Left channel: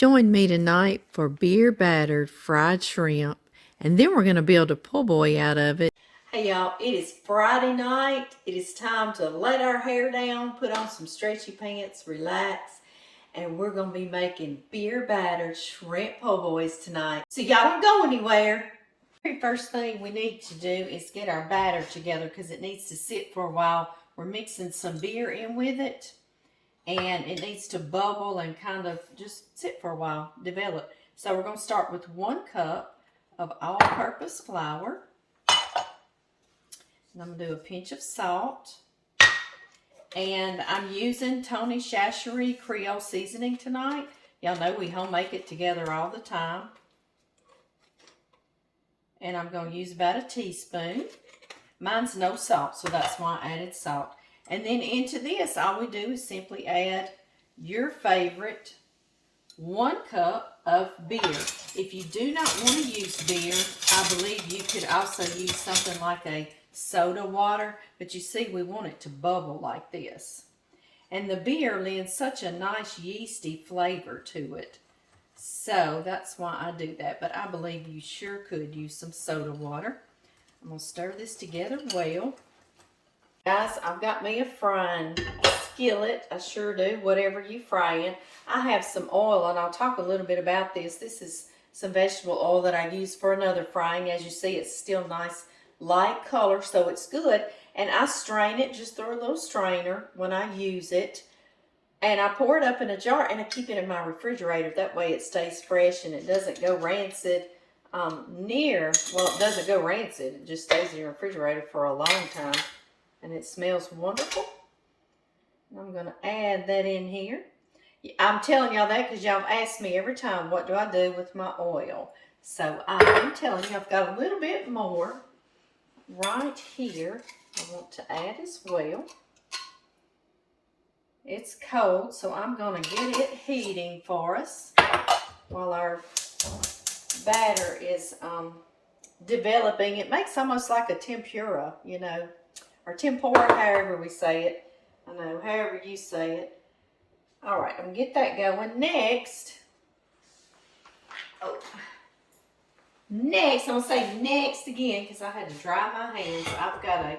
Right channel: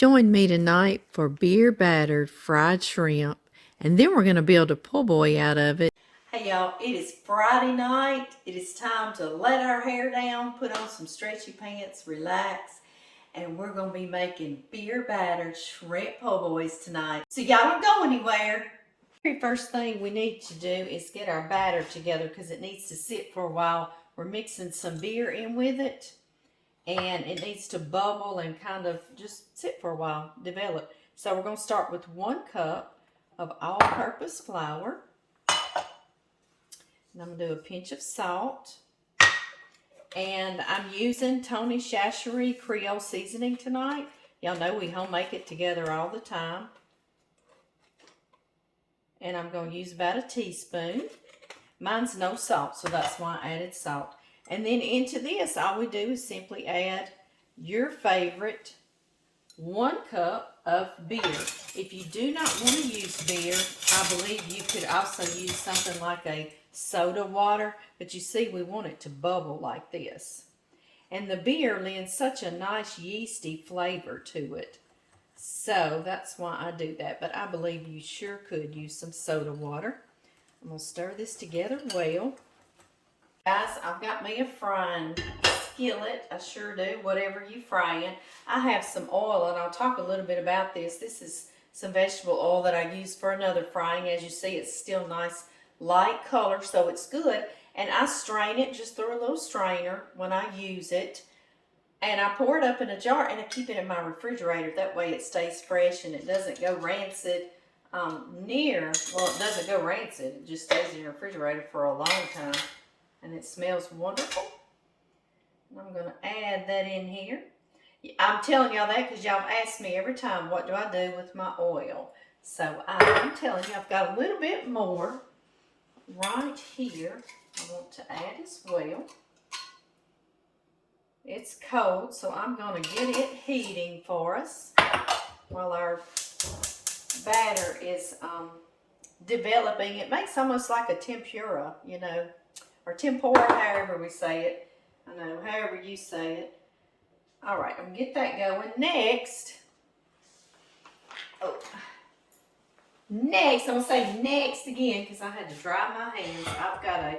Join me tonight for beer-battered fried shrimp, and then we're going to build a po' boy out of it. Hey y'all, it is Friday night. It is time to let our hair down, put on some stretchy pants, relax, and we're going to be making beer-battered shrimp po' boys tonight. So y'all don't go anywhere. The very first thing we need to do is get our batter together because it needs to sit for a while. We're mixing some beer in with it. And it needs to bubble and kind of just sit for a while, develop. So we're going to start with 1 cup of all-purpose flour. And I'm going to do a pinch of salt. And I'm using Tony Chachere's Creole Seasoning tonight. Y'all know we homemake it together all the time. And I'm going to use about a teaspoon. Mine's no salt, so that's why I added salt. And then into this, all we do is simply add your favorite 1 cup of beer. If you do not want to use beer, I believe you could also use something like a soda water. But you see, we want it to bubble like this. And the beer lends such a nice yeasty flavor to it. So that's why I do that. But I believe you sure could use some soda water. I'm going to stir this together well. Guys, I've got me a frying skillet. I sure do, whatever you fry in. I have some oil, and I'll talk a little bit about this. This is some vegetable oil that I use for another frying. As you see, it's still nice light color, so it's good. And I strain it just through a little strainer when I use it. And I pour it up in a jar, and I keep it in my refrigerator. That way it stays fresh and it doesn't go rancid. Well, it doesn't go rancid. It just stays in your refrigerator for a long time. And it smells wonderful. I'm going to add that in here. I'm telling y'all that because y'all ask me every time, what do I do with my oil? So I'm telling you, I've got a little bit more right here I want to add as well. It's cold, so I'm going to get it heating for us while our batter is developing. It makes almost like a tempura, you know, or tempura, however we say it. I know, however you say it. All right, I'm going to get that going. Next, I'm going to say next again because I had to dry my hands. I've got a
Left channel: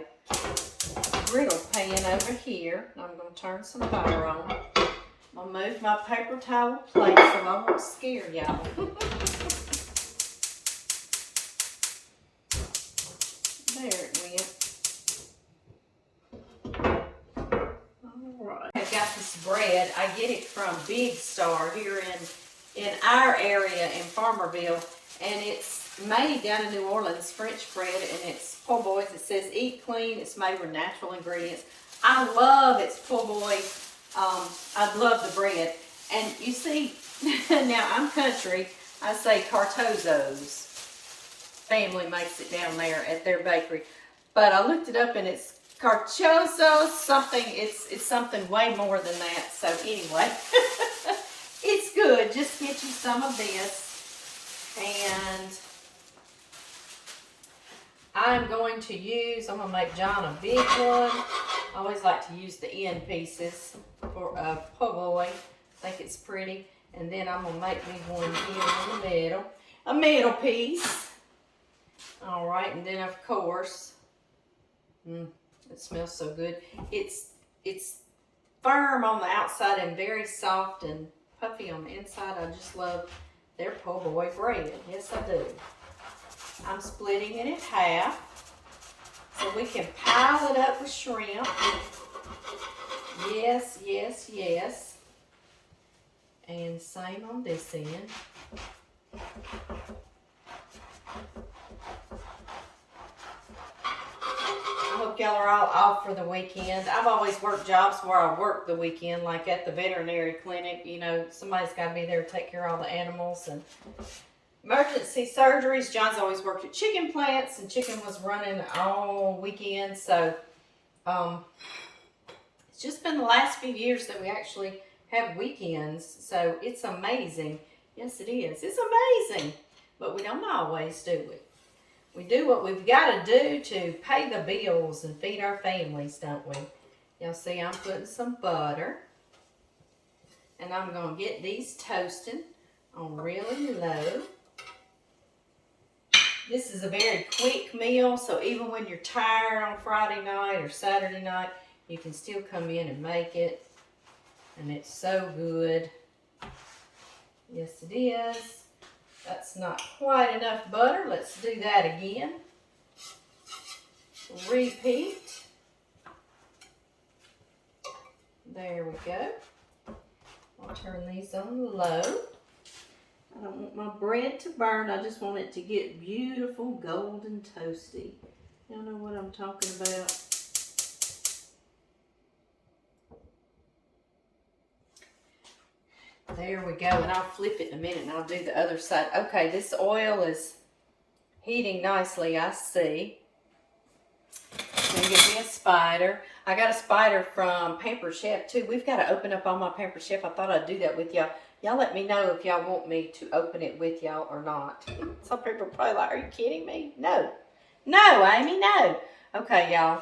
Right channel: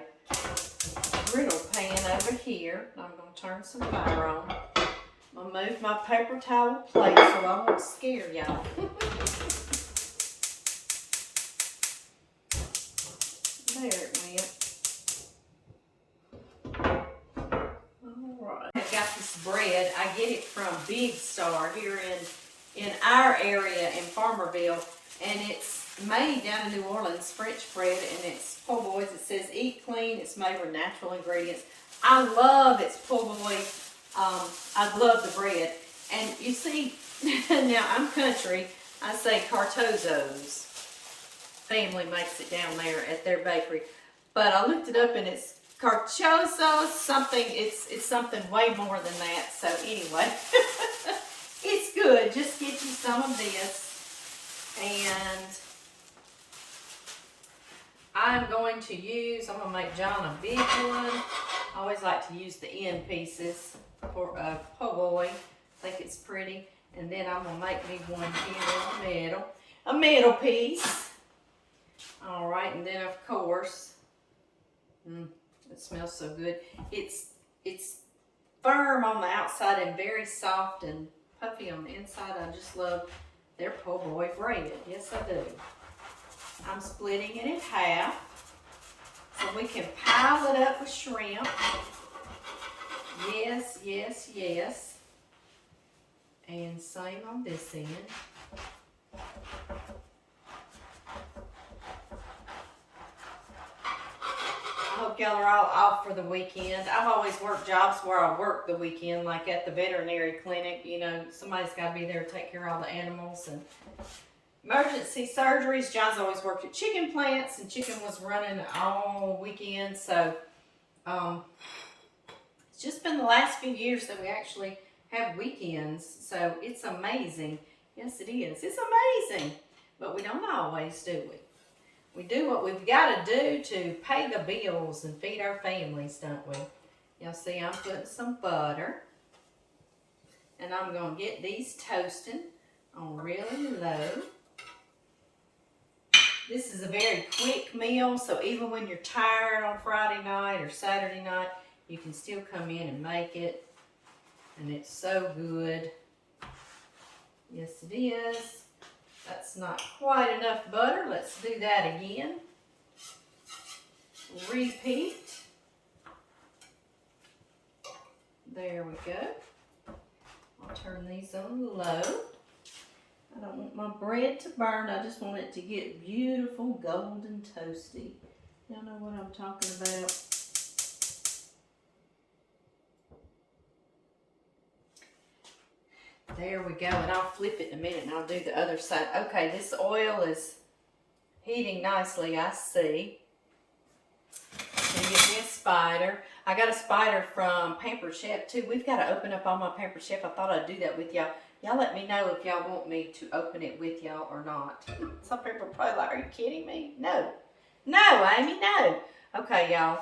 griddle pan over here. I'm going to turn some fire on. I'm going to move my paper towel plate so I won't scare y'all. There it went. Alright. I've got this bread. I get it from Big Star here in our area in Farmerville. And it's made down in New Orleans, French bread, and it's po' boys. It says eat clean. It's made with natural ingredients. I love its po' boy. I love the bread. And you see, now I'm country. I say Cartozzo's family makes it down there at their bakery. But I looked it up and it's Cartozzo something. It's something way more than that. So anyway, it's good. Just get you some of this. And I'm going to make John a big one. I always like to use the end pieces for a po' boy. I think it's pretty. And then I'm going to make me one here in the middle. A middle piece. All right, and then of course, it smells so good. It's firm on the outside and very soft and puffy on the inside. I just love their po' boy bread. Yes, I do. I'm splitting it in half so we can pile it up with shrimp. Yes, yes, yes. And same on this end. I hope y'all are all off for the weekend. I've always worked jobs where I work the weekend, like at the veterinary clinic. You know, somebody's got to be there to take care of all the animals and emergency surgeries. John's always worked at chicken plants, and chicken was running all weekend. So it's just been the last few years that we actually have weekends. So it's amazing. Yes, it is. It's amazing. But we don't always do it. We do what we've got to do to pay the bills and feed our families, don't we? You'll see I'm putting some butter. And I'm going to get these toasting on really low. This is a very quick meal, so even when you're tired on Friday night or Saturday night, you can still come in and make it. And it's so good. Yes, it is. That's not quite enough butter. Let's do that again. Repeat. There we go. I'll turn these on low. I don't want my bread to burn. I just want it to get beautiful, golden, toasty. Y'all know what I'm talking about. There we go, and I'll flip it in a minute and I'll do the other side. Okay, this oil is heating nicely, I see. Gonna get me a spider. I got a spider from Pampered Chef too. We've got to open up all my Pampered Chef. I thought I'd do that with y'all. Y'all let me know if y'all want me to open it with y'all or not. Some people are probably like, are you kidding me? No. No, Amy, no. Okay, y'all.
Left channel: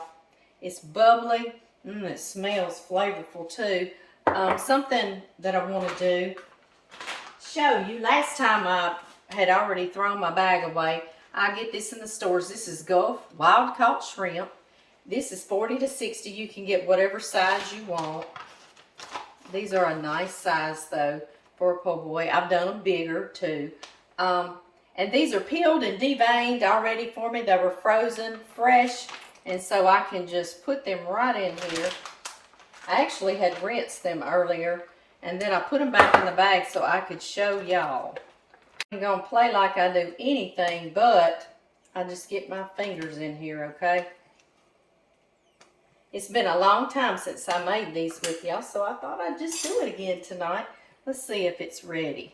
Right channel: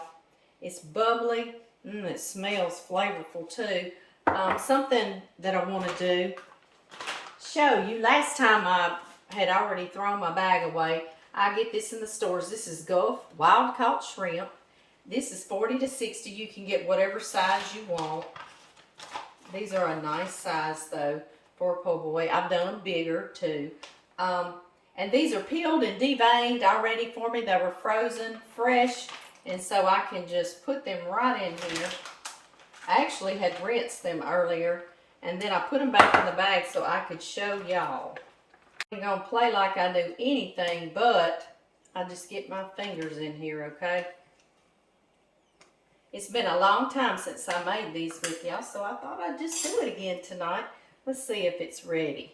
It's bubbly. It smells flavorful too. Something that I want to do, show you. Last time I had already thrown my bag away. I get this in the stores. This is Gulf Wild Caught Shrimp. This is 40 to 60. You can get whatever size you want. These are a nice size though for a po' boy. I've done them bigger too. And these are peeled and deveined already for me. They were frozen, fresh. And so I can just put them right in here. I actually had rinsed them earlier, and then I put them back in the bag so I could show y'all. I'm going to play like I do anything, but I just get my fingers in here, okay? It's been a long time since I made these with y'all, so I thought I'd just do it again tonight. Let's see if it's ready.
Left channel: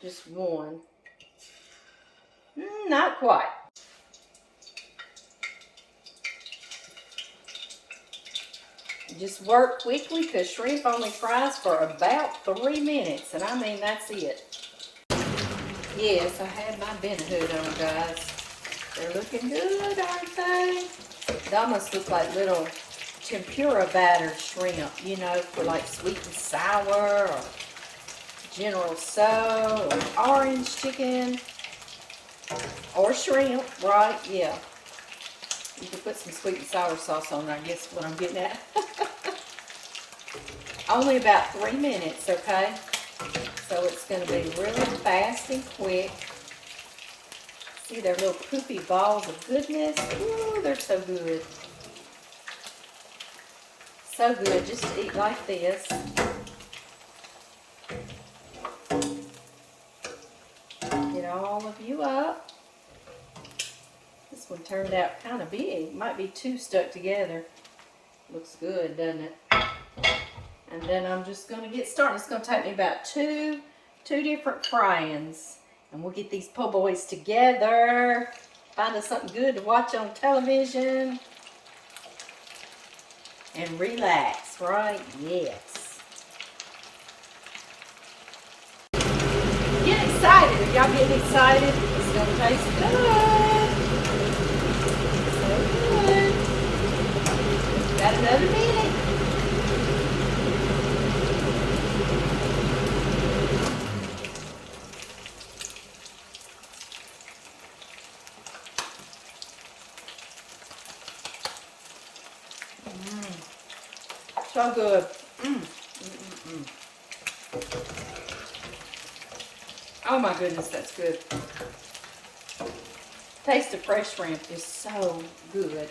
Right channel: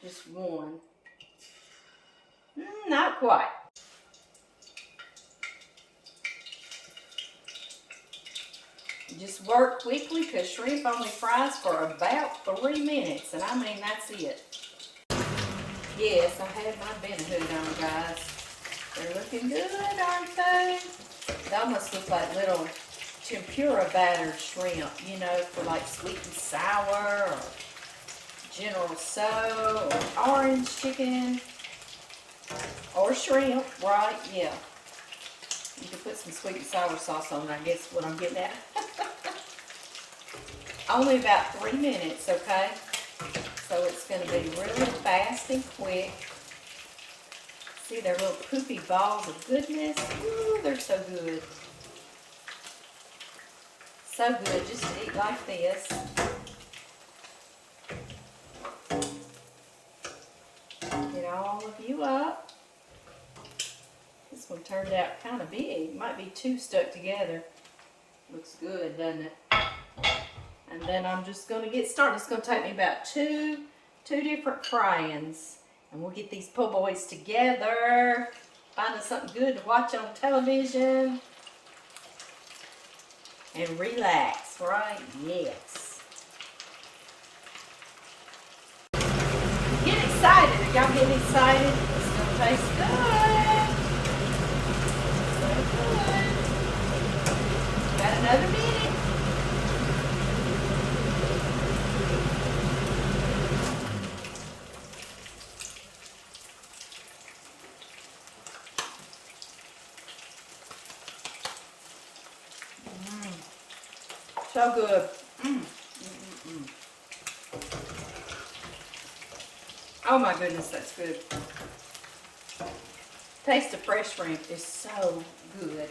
Just one. Not quite. Just work quickly because shrimp only fries for about 3 minutes. And I mean, that's it. Yes, I have my bin hood on, guys. They're looking good, aren't they? They almost look like little tempura battered shrimp, you know, for like sweet and sour or General So or orange chicken or shrimp, right? Yeah. You can put some sweet and sour sauce on, I guess what I'm getting at. Only about 3 minutes, okay? So it's going to be really fast and quick. See, they're little poopy balls of goodness. Ooh, they're so good. So good, just to eat like this. Get all of you up. This one turned out kind of big. Might be 2 stuck together. Looks good, doesn't it? And then I'm just going to get started. It's going to take me about two different fry-ins. And we'll get these po' boys together. Find us something good to watch on television. And relax, right? Yes. Get excited. Are y'all getting excited? It's going to taste good. So good. Got another minute. So good. Oh my goodness, that's good. Taste of fresh shrimp is so good.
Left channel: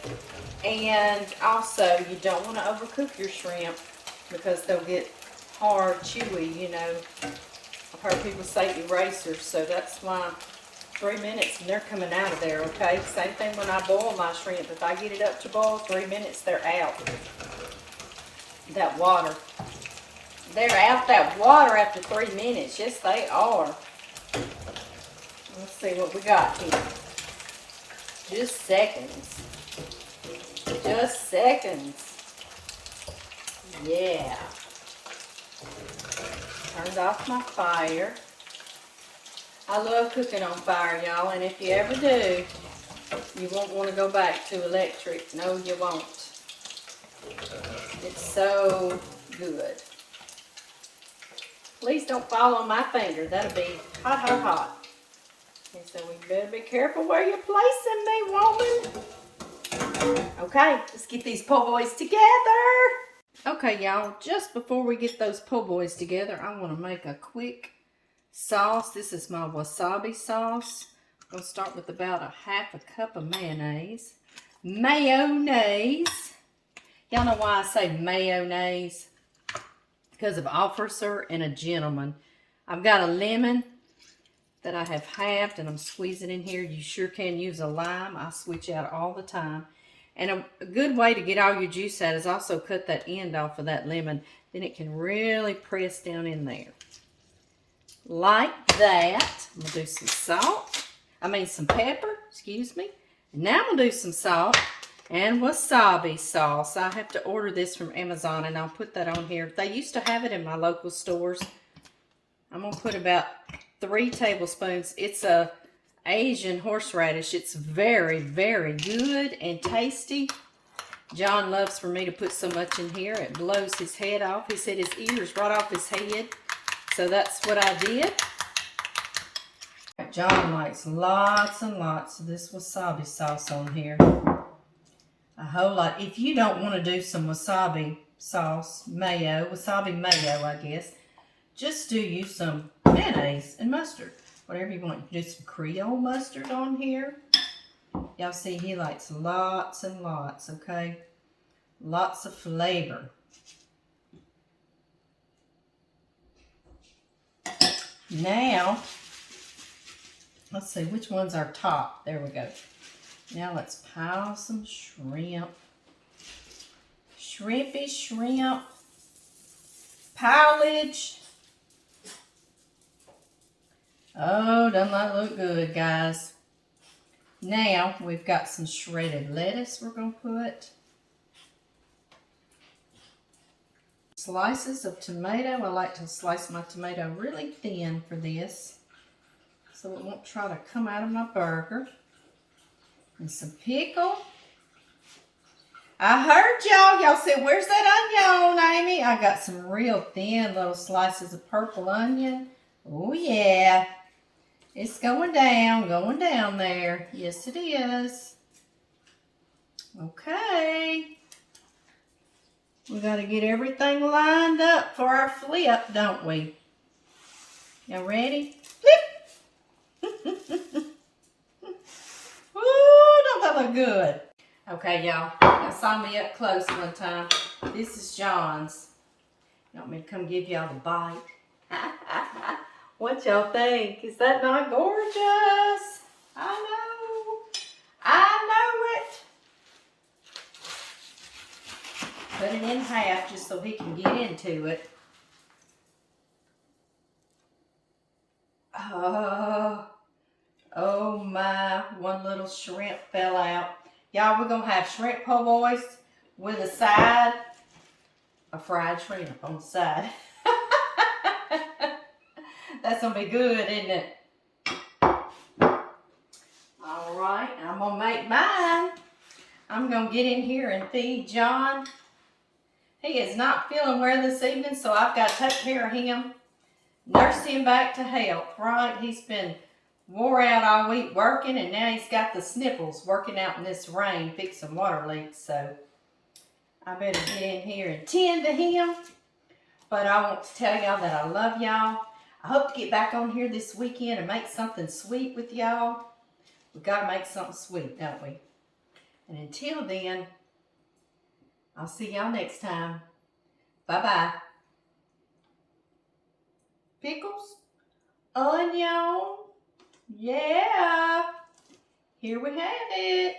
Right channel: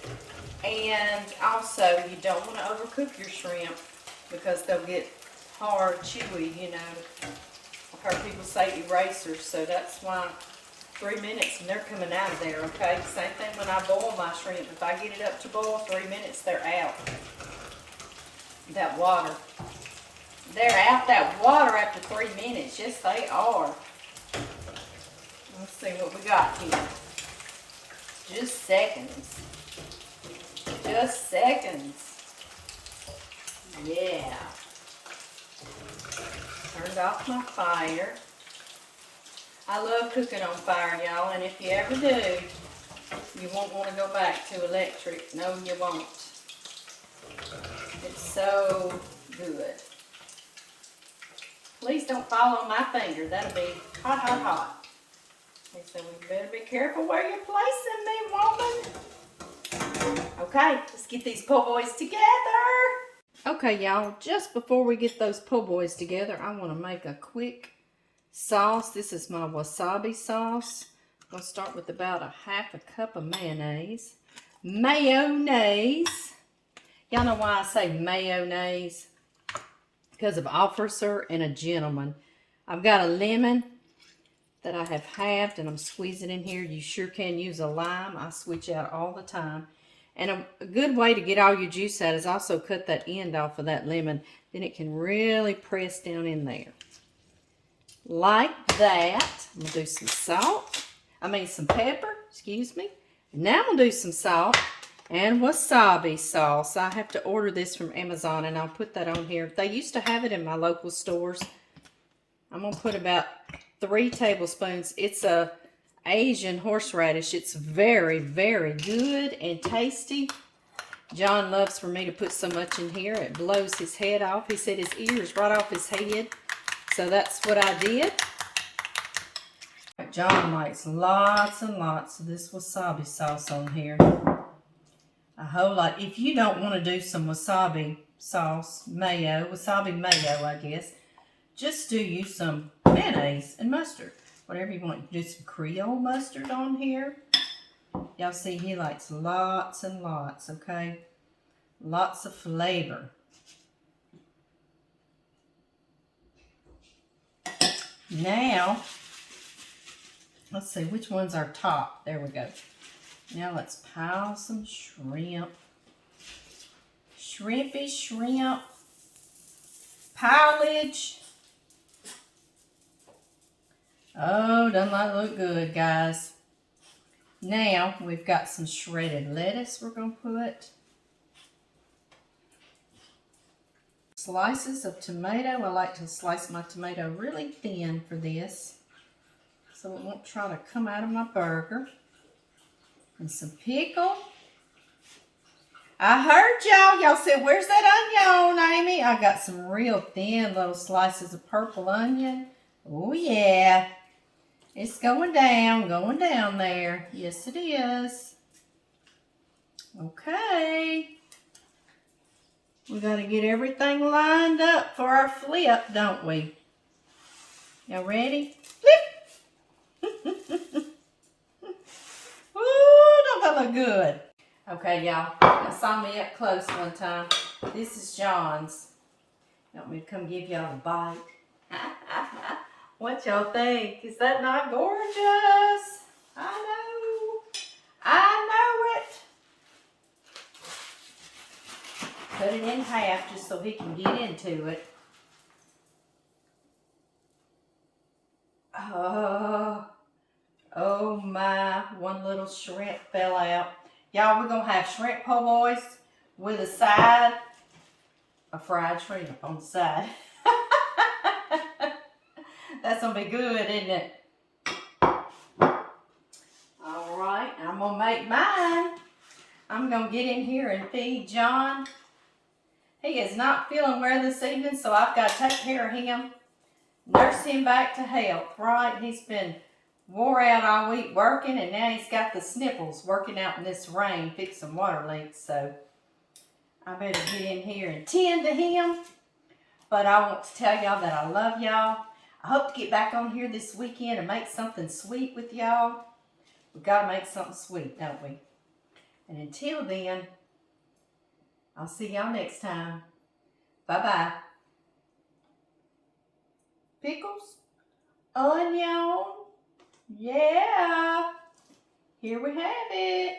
And also, you don't want to overcook your shrimp because they'll get hard, chewy, you know. I've heard people say erasers, so that's why 3 minutes and they're coming out of there, okay? Same thing when I boil my shrimp. If I get it up to boil, 3 minutes, they're out. That water. They're out that water after 3 minutes. Yes, they are. Let's see what we got here. Just seconds. Just seconds. Yeah. Turned off my fire. I love cooking on fire, y'all, and if you ever do, you won't want to go back to electric. No, you won't. It's so good. Please don't fall on my finger. That'll be hot, hot, hot. Okay, so we better be careful where you're placing me, woman. Okay, let's get these po' boys together. Okay, y'all, just before we get those po' boys together, I want to make a quick sauce. This is my wasabi sauce. I'm going to start with about a half a cup of mayonnaise. Mayonnaise. Y'all know why I say mayonnaise? Because of officer and a gentleman. I've got a lemon that I have halved and I'm squeezing in here. You sure can use a lime. I switch out all the time. And a good way to get all your juice out is also cut that end off of that lemon. Then it can really press down in there. Like that. I'm going to do some salt. Some pepper, excuse me. And now I'm going to do some salt and wasabi sauce. I have to order this from Amazon and I'll put that on here. They used to have it in my local stores. I'm going to put about 3 tablespoons. It's a Asian horseradish. It's very, very good and tasty. John loves for me to put so much in here. It blows his head off. He said his ears right off his head. So that's what I did. John likes lots and lots of this wasabi sauce on here. A whole lot. If you don't want to do some wasabi sauce, wasabi mayo, I guess, just do use some mayonnaise and mustard. Whatever you want. Do some Creole mustard on here. Y'all see he likes lots and lots, okay? Lots of flavor. Now, let's see, which one's our top? There we go. Now let's pile some shrimp. Shrimpy shrimp. Pilage. Oh, doesn't that look good, guys? Now, we've got some shredded lettuce we're going to put. Slices of tomato. I like to slice my tomato really thin for this, so it won't try to come out of my burger. And some pickle. I heard y'all. Y'all said, where's that onion, Amy? I got some real thin little slices of purple onion. Oh, yeah. It's going down there. Yes, it is. Okay. We got to get everything lined up for our flip, don't we? Y'all ready? Flip! Ooh, don't that look good? Okay, y'all. Y'all saw me up close one time. This is John's. You want me to come give y'all a bite? What y'all think? Is that not gorgeous? I know. I know it. Cut it in half just so he can get into it. Oh my, one little shrimp fell out. Y'all, we're going to have shrimp po' boys with a side of fried shrimp on the side. That's going to be good, isn't it? All right, I'm going to make mine. I'm going to get in here and feed John. He is not feeling well this evening, so I've got to take care of him. Nurse him back to health, right? He's been wore out all week working, and now he's got the sniffles working out in this rain, fixing water leaks. So I better get in here and tend to him. But I want to tell y'all that I love y'all. I hope to get back on here this weekend and make something sweet with y'all. We got to make something sweet, don't we? And until then, I'll see y'all next time. Bye-bye. Pickles, onion, yeah, here we have it.